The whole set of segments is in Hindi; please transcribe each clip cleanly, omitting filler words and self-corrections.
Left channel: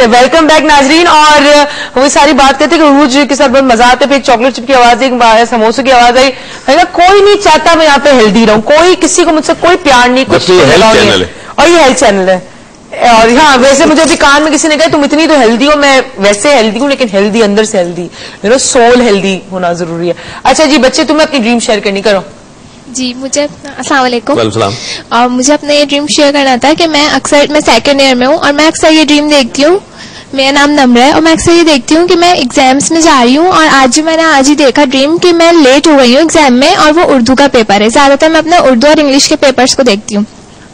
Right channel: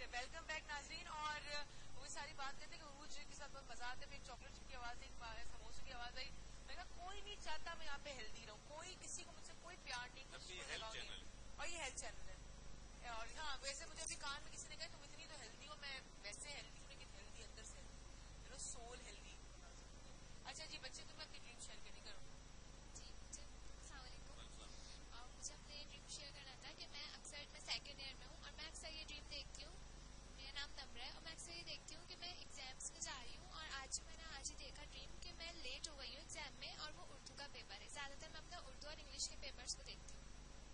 वेलकम बैक नाजरीन। और वो सारी बात करते कि रूज के साथ बहुत मजा आता है, फिर एक चॉकलेट चिप की आवाज, एक समोसे की आवाज आई। कोई नहीं चाहता मैं यहाँ पे हेल्दी रहूं, कोई किसी को मुझसे कोई प्यार नहीं, कुछ नहीं। और ये हेल्थ चैनल है। और हाँ, वैसे मुझे अभी कान में किसी ने कहा तुम इतनी तो हेल्दी हो, मैं वैसे हेल्दी हूँ लेकिन हेल्दी अंदर से हेल्दी, सोल हेल्दी होना जरूरी है। अच्छा जी बच्चे, तुम्हें अपनी ड्रीम शेयर करनी, करो जी। मुझे अस्सलाम वालेकुम। मुझे अपना ये ड्रीम शेयर करना था कि मैं सेकंड ईयर में हूँ और मैं अक्सर ये ड्रीम देखती हूँ। मेरा नाम नम्र है और मैं अक्सर ये देखती हूँ कि मैं एग्जाम्स में जा रही हूँ और मैंने आज ही देखा ड्रीम कि मैं लेट हो गई हूँ एग्जाम में, और वो उर्दू का पेपर है। ज्यादातर मैं अपने उर्दू और इंग्लिश के पेपर्स को देखती हूँ।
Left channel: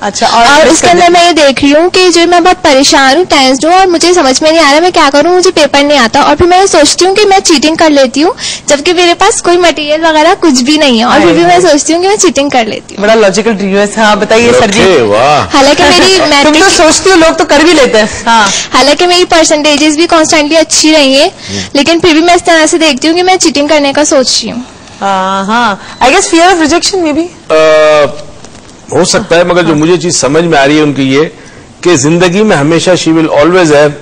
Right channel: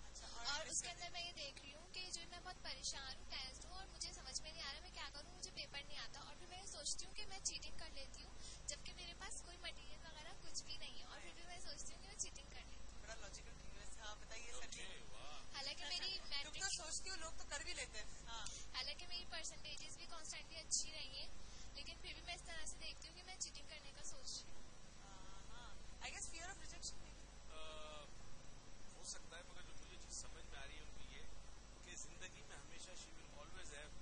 अच्छा, और उसके अंदर मैं ये देख रही हूँ कि जो मैं बहुत परेशान हूँ, टेंस्ड हूँ और मुझे समझ में नहीं आ रहा मैं क्या करूँ, मुझे पेपर नहीं आता। और फिर मैं सोचती हूँ कि मैं चीटिंग कर लेती हूँ, जबकि मेरे पास कोई मटेरियल वगैरह कुछ भी नहीं है, और फिर भी मैं सोचती हूँ कि मैं चीटिंग कर लेती हूँ। बड़ा लॉजिकल ड्रीम है। हाँ बताइए सर जी। हालांकि मेरी तुम तो सोचती हो, लोग तो कर भी लेते हैं। हाँ, हालांकि मेरी परसेंटेजेस भी कॉन्स्टेंटली अच्छी रही है, लेकिन फिर भी मैं इस तरह से देखती हूँ कि मैं चीटिंग करने का सोच रही हूँ। हाँ, I guess fear of rejection में भी हो सकता है, मगर जो मुझे चीज समझ में आ रही है उनकी ये कि जिंदगी में हमेशा she will always have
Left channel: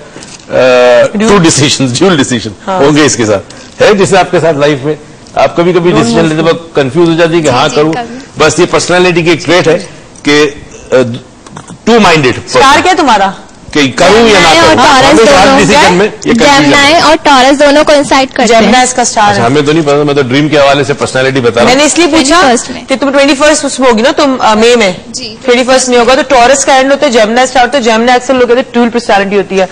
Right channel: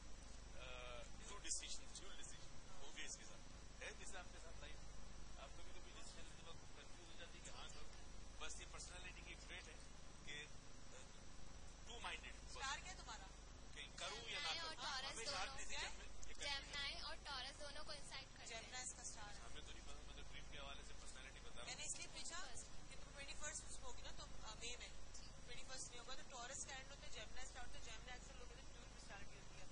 two decisions, dual decision होंगे इसके साथ। है जैसे आपके साथ लाइफ में आप कभी कभी डिसीजन लेते वक्त कंफ्यूज हो जाती है कि हाँ करूं। बस ये पर्सनालिटी की एक ट्रेट है कि टू माइंडेड। स्टार क्या तुम्हारा कि करूं या ना करूं, जेमिनी और टॉरस दोनों को इंसाइट करते हैं। जेमिनी इसका स्टार है। हमें तो नहीं पता, मैं तो ड्रीम के हवाले से पर्सनालिटी बता रहा हूं। मैंने इसलिए पूछा कि तुम 21st उसमें होगी ना, तुम मई में 21st नहीं होगा, तो टॉरस का एंड होता है, जेमिनी स्टार होता है। जेमिनी अक्सर लोग कहते हैं ट्यूल पर्सनालिटी होती है।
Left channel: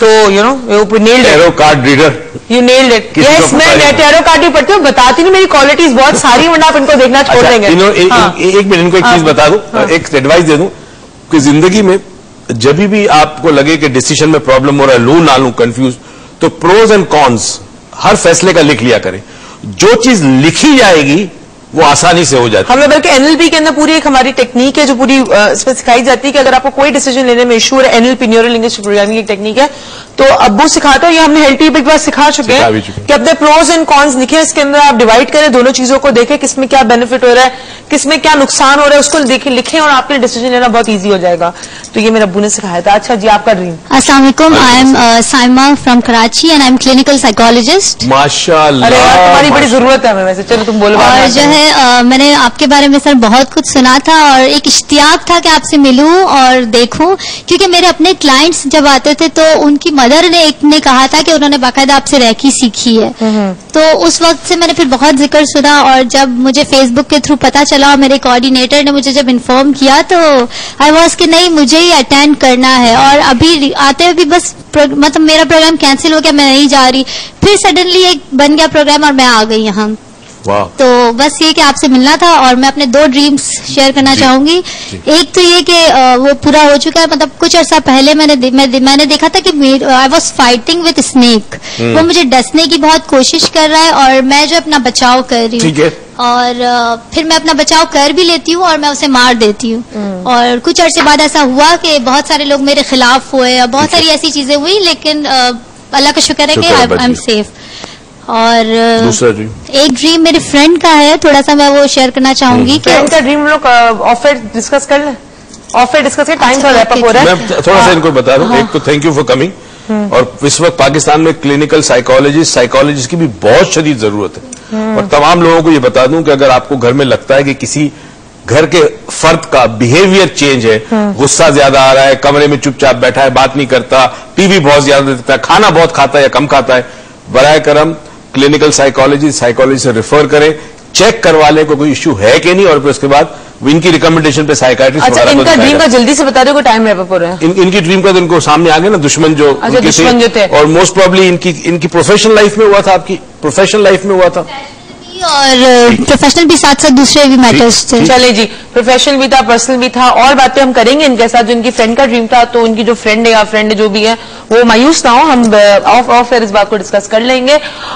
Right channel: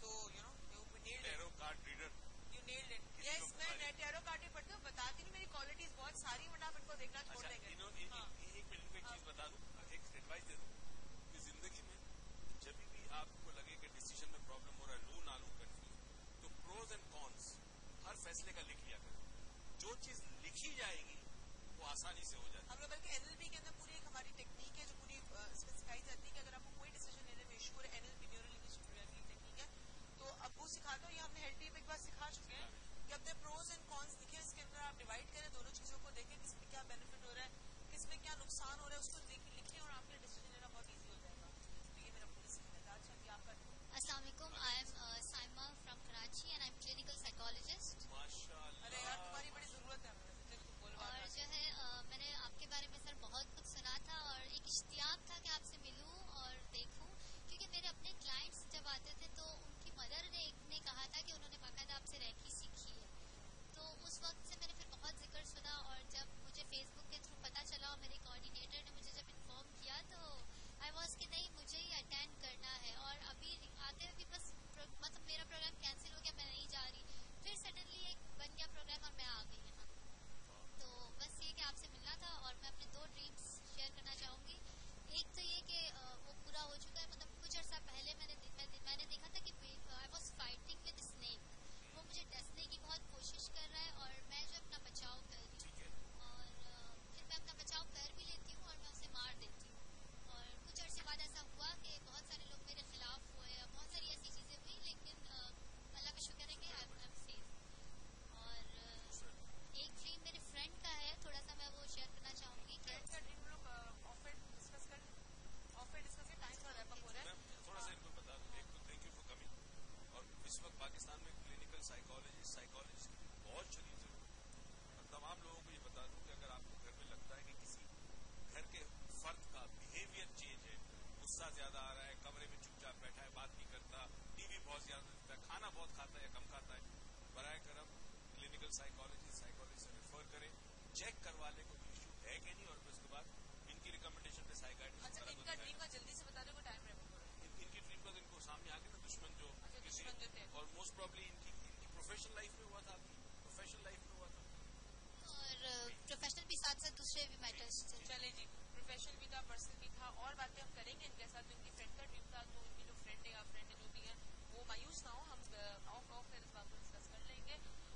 तो you know nailed tarot card reader, you nailed it. Yes, मैं टैरो कार्ड भी पढ़ती हूँ, बताती नहीं मेरी क्वालिटीज बहुत सारी, वरना आप इनको देखना छोड़ देंगे। एक मिनट इनको एक चीज बता दूं, एक एडवाइस दे दूं कि जिंदगी में जब भी आपको लगे कि डिसीजन में प्रॉब्लम हो रहा है, लू ना लू कंफ्यूज, तो प्रोज एंड कॉन्स हर फैसले का लिख लिया करें। जो चीज लिखी जाएगी वो आसानी से हो जाती है। हमें बल्कि एनएलपी के अंदर पूरी एक हमारी टेक्निक है जो पूरी इसमें सिखाई जाती है कि अगर आपको कोई डिसीजन लेने में इशू है, एनएलपी न्यूरल लिंग्विस्टिक प्रोग्रामिंग एक टेक्निक है, तो अब्बू सिखाते हो, ये हमने हेल्थ टिप एक बार सिखा चुके हैं कि अपने प्रोज एंड कॉन्स लिखे, इसके अंदर आप डिवाइड करें, दोनों चीजों को देखें, किसमें क्या बेनिफिट हो रहा है, किसमें क्या नुकसान हो रहा है, उसको देखें, लिखें और आपके डिसीजन लेना बहुत ईजी हो जाएगा। तो ये मेरे अब्बू ने सिखाया था। अच्छा जी, आपका ड्रीम। अस्सलाम वालेकुम, I am Saima from Karachi and I am clinical psychologist. माशाल्लाह, अरे यार तुम्हारी बड़ी जरूरत है हमें, वैसे चलो तुम बोलो। और जो है मैंने आपके बारे में सर बहुत कुछ सुना था और एक इश्तियाक था कि आपसे मिलूं और देखूं, क्योंकि मेरे अपने क्लाइंट्स जब आते थे तो उनकी मदर ने एक ने कहा था कि उन्होंने बाकायदा आपसे रैकी सीखी है। तो उस वक्त से मैंने फिर बहुत जिक्र सुना, और जब मुझे फेसबुक के थ्रू पता चला और मेरे कोऑर्डिनेटर ने मुझे जब इन्फॉर्म किया तो आई वाज कि नहीं मुझे ही अटेंड करना है। और अभी आते हुए भी बस मतलब मेरा प्रोग्राम कैंसिल हो गया, मैं नहीं जा रही, फिर सडनली एक बन गया प्रोग्राम और मैं आ गई यहाँ। तो बस ये कि आपसे मिलना था, और मैं अपने 2 ड्रीम्स शेयर करना चाहूंगी। एक तो ये कि वो पूरा हो चुका है, मतलब कुछ अर्सा पहले मैंने देखा था कि I was fighting with snake, वो मुझे डसने की बहुत कोशिश कर रहा है और मैं जो अपना बचाव कर रही हूँ, और फिर मैं अपना बचाव कर भी लेती हूँ और मैं उसे मार देती हूँ। और कुछ अरसे बाद ऐसा हुआ कि बहुत सारे लोग मेरे खिलाफ हुए और बहुत सारी ऐसी चीजें हुई, लेकिन अल्लाह का शुक्र है कि आई एम सेफ। और दूसरा ड्रीम, एक ड्रीम मेरे फ्रेंड का है, थोड़ा सा मैं वो शेयर करना चाहूंगी। फ्रेंड का ड्रीम लोग ऑफ एयर डिस्कस कर लें, ऑफ एयर डिस्कस कर, टाइम थोड़ा रैप अप हो रहा है। मैं थोड़ा सा इनको बता दूं। एक तो थैंक यू फॉर कमिंग, और इस वक्त पाकिस्तान में क्लिनिकल साइकोलॉजिस्ट की भी बहुत शदीद जरूरत है। और तमाम लोगों को ये बता दूं कि अगर आपको घर में लगता है कि किसी घर के फर्द का बिहेवियर चेंज है, गुस्सा ज्यादा आ रहा है, कमरे में चुपचाप बैठा है, बात नहीं करता, टीवी बहुत ज्यादा देखता है, खाना बहुत खाता है या कम खाता है, बराए करम क्लिनिकल साइकोलॉजी से रेफर करें, चेक करवा लें कोई इश्यू है कि नहीं, और फिर उसके बाद इनकी रिकमेंडेशन पे साइकाट्रिस्ट। अच्छा, इनका ड्रीम का जल्दी से बता दो, टाइम रैप अप हो रहा है। इनकी ड्रीम का तो इनको सामने आ गया ना, दुश्मन जो थे, और मोस्ट प्रॉब्ली इनकी प्रोफेशनल लाइफ में हुआ था, आपकी प्रोफेशनल लाइफ में हुआ था, और प्रोफेशनल भी साथ साथ दूसरे भी मैटर्स थे। चले जी, प्रोफेशनल भी था, पर्सनल भी था, और बातें हम करेंगे इनके साथ। जो इनकी फ्रेंड का ड्रीम था, तो उनकी जो फ्रेंड है या फ्रेंड जो भी है वो मायूस ना हो, हम ऑफ एयर इस बात को डिस्कस कर लेंगे।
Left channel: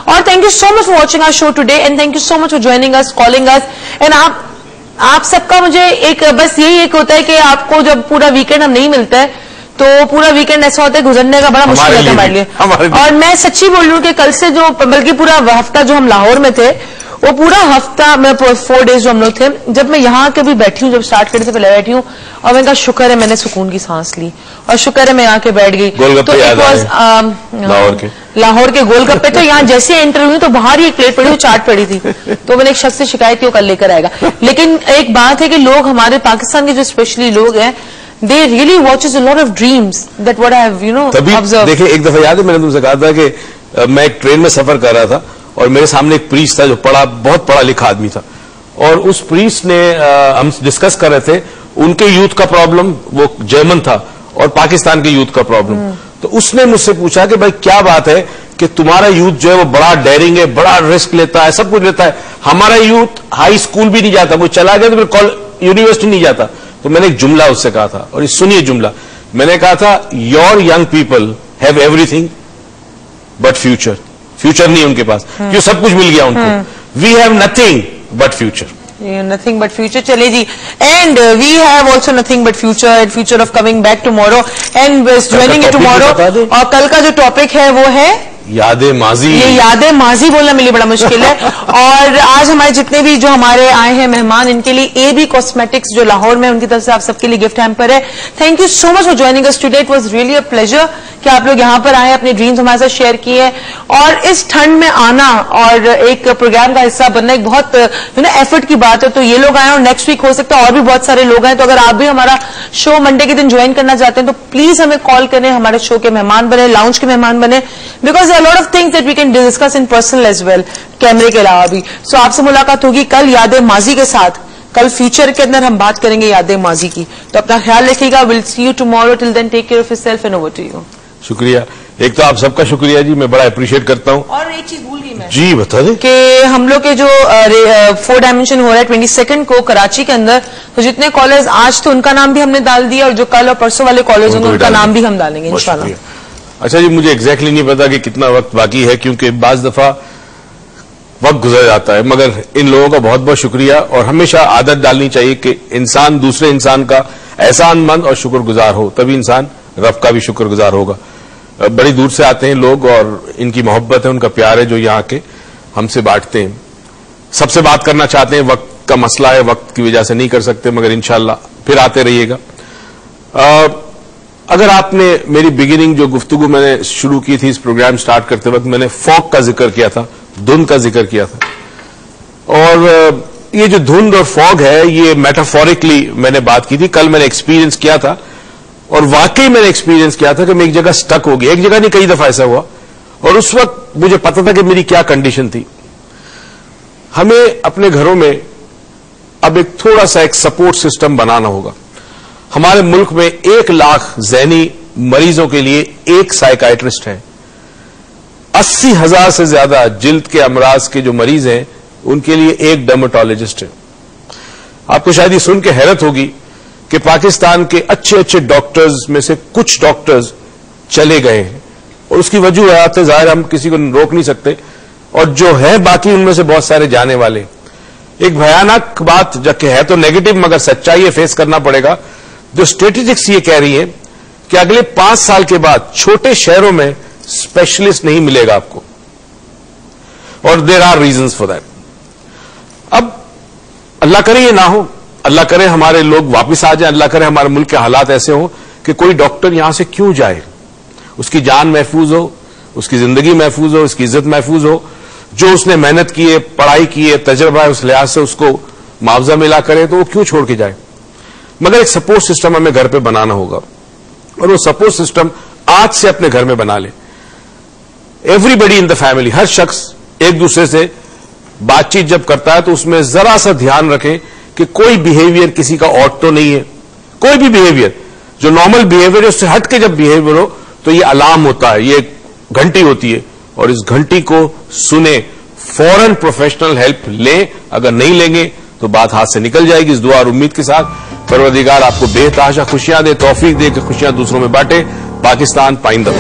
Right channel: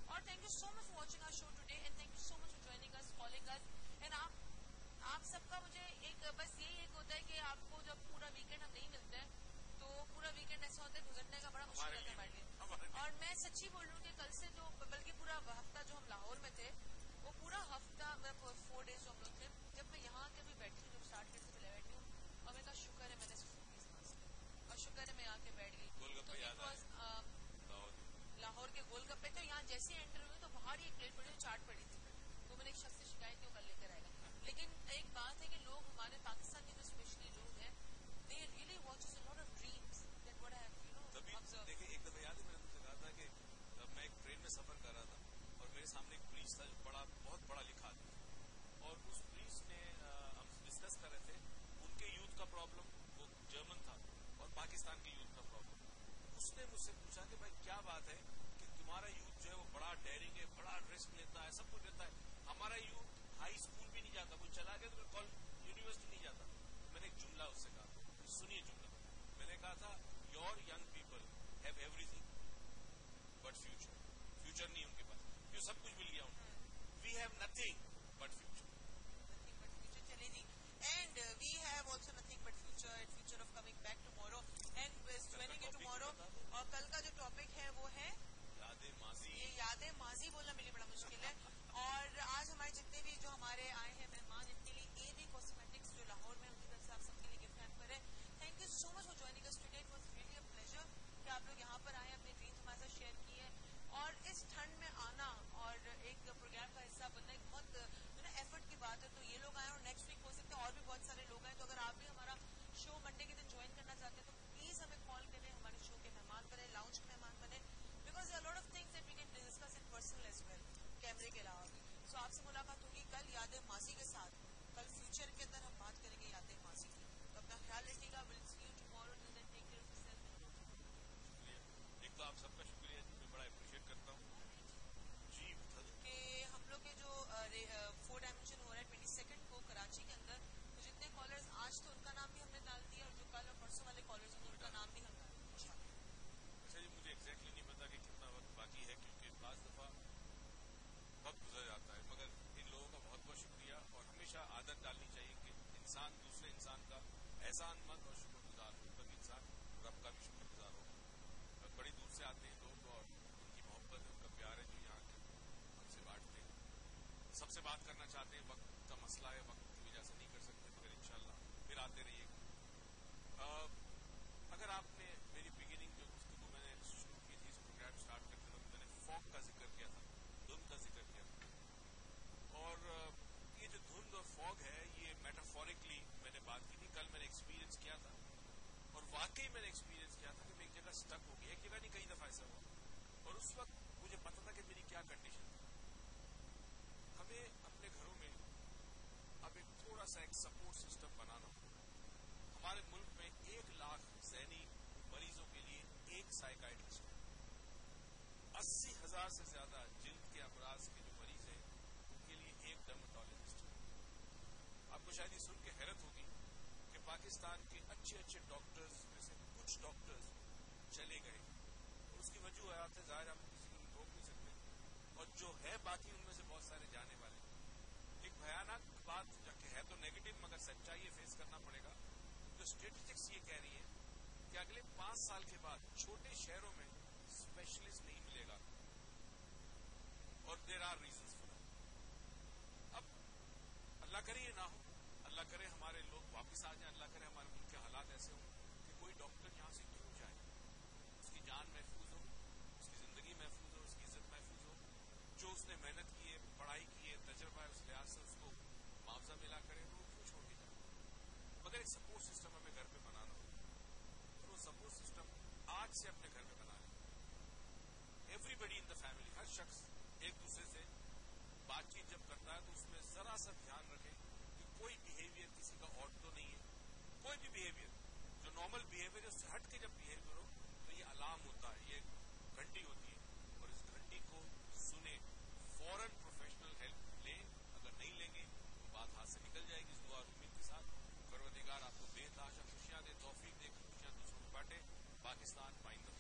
और thank you so much for watching our show today, and thank you so much for joining us, calling us. And आप सबका मुझे एक बस यही एक होता है कि आपको जब पूरा वीकेंड हम नहीं मिलता है तो पूरा वीकेंड ऐसा होता है गुजरने का बड़ा मुश्किल है हमारे लिए। और मैं सच्ची बोल रही हूँ कि कल से जो, बल्कि पूरा हफ्ता जो हम लाहौर में थे, वो पूरा हफ्ता मैं 4 डेज जो हम लोग थे, जब मैं यहाँ के भी बैठी हूँ, जब स्टार्ट करने से पहले बैठी हूँ, और मैंने कहा शुक्र है मैंने सुकून की सांस ली और शुक्र है मैं यहाँ के बैठ गई। तो लाहौर के गोलगप्पे तो यहाँ जैसे एंटर हुई तो बाहर ही एक प्लेट पड़ी, वो चाट पड़ी थी, तो मैंने एक शख्स से शिकायत की वो कल लेकर आएगा। लेकिन एक बात है कि लोग हमारे पाकिस्तान के जो स्पेशली लोग हैं, they really watches a lot of dreams that what I have observed। देखिए एक दफा याद है मैंने तुमसे कहा था कि मैं एक ट्रेन में सफर कर रहा था और मेरे सामने एक प्रीस्ट था जो बहुत पढ़ा लिखा आदमी था, और उस प्रीस्ट ने हम डिस्कस कर रहे थे उनके यूथ का प्रॉब्लम, वो जर्मन था, और पाकिस्तान के यूथ का प्रॉब्लम। तो उसने मुझसे पूछा कि भाई क्या बात है कि तुम्हारा यूथ जो है वो बड़ा डेयरिंग है, बड़ा रिस्क लेता है, सब कुछ लेता है, हमारा यूथ हाई स्कूल भी नहीं जाता, वो चला गया तो फिर यूनिवर्सिटी नहीं जाता। तो मैंने एक जुमला उससे कहा था, और सुनिए जुमला, मैंने कहा था your young people have everything but future. Future नहीं उनके पास, क्यों सब कुछ मिल गया उनको। We have nothing but future. Nothing but future, चले जी। And we have also nothing but future and future of coming back tomorrow and joining it tomorrow. और कल का जो टॉपिक है वो है यादें माजी। ये यादें माजी बोलना मेरे लिए बड़ा मुश्किल है। और आज हमारे जितने भी जो हमारे आए हैं मेहमान, इनके लिए AB कॉस्मेटिक्स जो लाहौर में, उनकी तरफ से आप सबके लिए गिफ्ट हैम्पर है। Thank you so much for joining us today, it was really a pleasure कि आप लोग यहाँ पर आए, अपने ड्रीम्स हमारे साथ शेयर किए, और इस ठंड में आना और एक प्रोग्राम का हिस्सा बनना एक बहुत एफर्ट की बात है। तो ये लोग आए और नेक्स्ट वीक हो सकता है और भी बहुत सारे लोग आए। तो अगर आप भी हमारा शो मंडे के दिन ज्वाइन करना चाहते हैं तो प्लीज हमें कॉल करें, हमारे शो के मेहमान बने, लाउंज के मेहमान बने, because a lot of things that we can discuss in personal as well, कैमरे के अलावा भी। सो आपसे मुलाकात होगी कल यादें माजी के साथ। कल फ्यूचर के अंदर हम बात करेंगे यादें माजी की, तो अपना ख्याल रखिएगा। Will see you tomorrow, till then take care of yourself and over to you. शुक्रिया, एक तो आप सबका शुक्रिया जी, मैं बड़ा अप्रिशिएट करता हूँ। और एक चीज भूल गई मैं जी, बता दें कि हम लोग के जो 4 डायमेंशन हो रहा है 22 को कराची के अंदर, तो जितने कॉलेज आज तो उनका नाम भी हमने डाल दिया, और जो कल और परसों वाले कॉलेज होंगे उनका नाम भी हम डालेंगे इंशाल्लाह। अच्छा जी, मुझे एग्जैक्टली नहीं पता कि कितना वक्त बाकी है, क्योंकि बाज दफा वक्त गुजर जाता है, मगर इन लोगों का बहुत बहुत शुक्रिया। और हमेशा आदत डालनी चाहिए कि इंसान दूसरे इंसान का एहसानमंद और शुक्रगुजार हो, तभी इंसान रब का भी शुक्रगुजार होगा। बड़ी दूर से आते हैं लोग और इनकी मोहब्बत है, उनका प्यार है जो यहाँ के हमसे बांटते हैं। सबसे बात करना चाहते हैं, वक्त का मसला है, वक्त की वजह से नहीं कर सकते, मगर इंशाल्लाह फिर आते रहिएगा। अगर आपने मेरी बिगिनिंग जो गुफ्तगू मैंने शुरू की थी इस प्रोग्राम स्टार्ट करते वक्त, मैंने फॉग का जिक्र किया था, धुंध का जिक्र किया था, और ये जो धुंध और फॉग है ये मेटाफोरिकली मैंने बात की थी। कल मैंने एक्सपीरियंस किया था, और वाकई मैंने एक्सपीरियंस किया था कि मैं एक जगह स्टक हो गया, एक जगह नहीं कई दफा ऐसा हुआ, और उस वक्त मुझे पता था कि मेरी क्या कंडीशन थी। हमें अपने घरों में अब एक थोड़ा सा एक सपोर्ट सिस्टम बनाना होगा। हमारे मुल्क में 1 लाख ज़हनी मरीजों के लिए एक साइकाइट्रिस्ट है, 80,000 से ज्यादा जिल्द के अमराज के जो मरीज हैं उनके लिए एक डर्मेटोलॉजिस्ट है। आपको शायद ये सुन के हैरत होगी कि पाकिस्तान के अच्छे अच्छे डॉक्टर्स में से कुछ डॉक्टर्स चले गए हैं, और उसकी वजूहत है ज़ाहिर हम किसी को रोक नहीं सकते, और जो है बाकी उनमें से बहुत सारे जाने वाले। एक भयानक बात जबकि है तो नेगेटिव मगर सच्चाई है, फेस करना पड़ेगा। जो स्ट्रेटेजिक्स ये कह रही है कि अगले 5 साल के बाद छोटे शहरों में स्पेशलिस्ट नहीं मिलेगा आपको, और there are reasons for that. अब अल्लाह करे ये ना हो, अल्लाह करे हमारे लोग वापस आ जाए, अल्लाह करे हमारे मुल्क के हालात ऐसे हो कि कोई डॉक्टर यहां से क्यों जाए, उसकी जान महफूज हो, उसकी जिंदगी महफूज हो, उसकी इज्जत महफूज हो, जो उसने मेहनत की है, पढ़ाई की है, तजर्बा है, उस लिहाज से उसको मुआवजा मिला करे, तो वो क्यों छोड़ के जाए। मगर एक सपोर्ट सिस्टम हमें घर पे बनाना होगा, और वो सपोर्ट सिस्टम आज से अपने घर में बना ले। एवरीबडी इन द फैमिली, हर शख्स एक दूसरे से बातचीत जब करता है तो उसमें जरा सा ध्यान रखें कि कोई बिहेवियर किसी का ऑड तो नहीं है। कोई भी बिहेवियर जो नॉर्मल बिहेवियर है उससे हट के जब बिहेवियर हो तो ये अलार्म होता है, ये घंटी होती है, और इस घंटी को सुने, फौरन प्रोफेशनल हेल्प लें। अगर नहीं लेंगे तो बात हाथ से निकल जाएगी। इस दुआ और उम्मीद के साथ परवरदिगार आपको बेतहाशा खुशियां दे, तौफीक दे कि खुशियां दूसरों में बांटे। पाकिस्तान पाइंदा।